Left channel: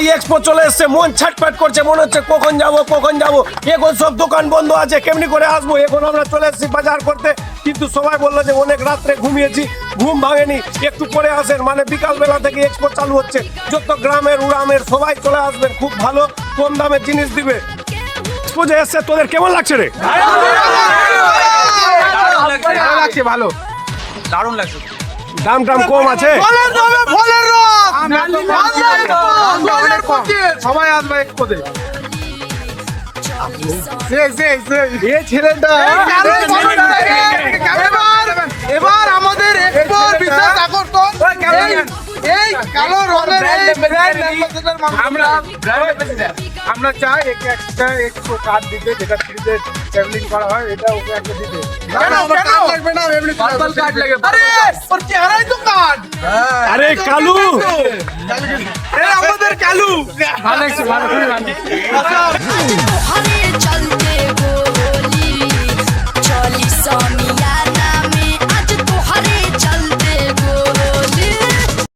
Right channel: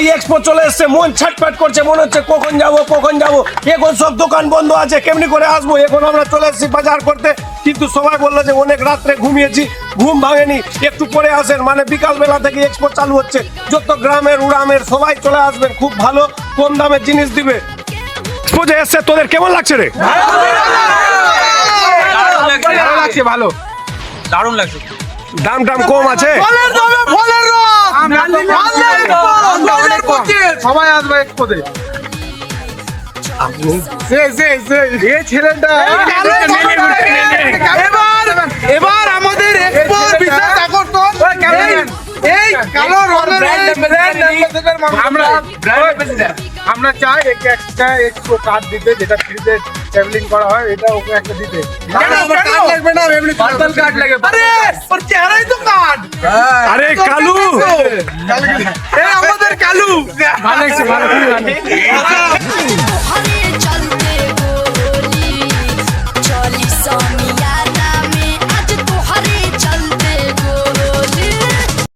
ভাই এক্সপো চলে এসছে, মন ছটফট করছে, মনে হচ্ছে কখন যাব। এখন সব দোকান বন্ধ আছে, কেমনি করে আসবো। এখন আমরা চলে এসেছি বাজার করতে, কিন্তু সবাই বললো যে অনেক রাত্রে ঘুমিয়েছি, ঘুম ভাঙেনি, একটু পরে আসেন। মানে বিকাল বেলা থেকে এক্সপো চালু হচ্ছে, যত গ্রামের উড়ামের সবাই চলে আসবেন, খুব ভালো কম দামের জিনিস দিবে। এক্সপো যে এসছে, তোদের কেমন লাগছে রে? ভালো লাগছে, ভালো, দারুণ লাগছে। দাম টাম কম আছে, অনেক কম, সবাই আসবে এক্সপোতে। এবার আমাদের এক্সপোর বিশেষ আকর্ষণ এই কালো রঙের আমরা চাই একে একটা এক্সপো কার্ড দিতে, যেটা ফ্রিতে ট্রাভেলিং করা হয়, এটা ওকে একটা দিতে। কার্ড লাগবে না, এমনি কার্ড লাগে। আরে ওর চেহারাই তো কার্ড। আরে কালু, এই আমাদের কালু। ভালো লাগছে, ভালো, খুবই ভালো।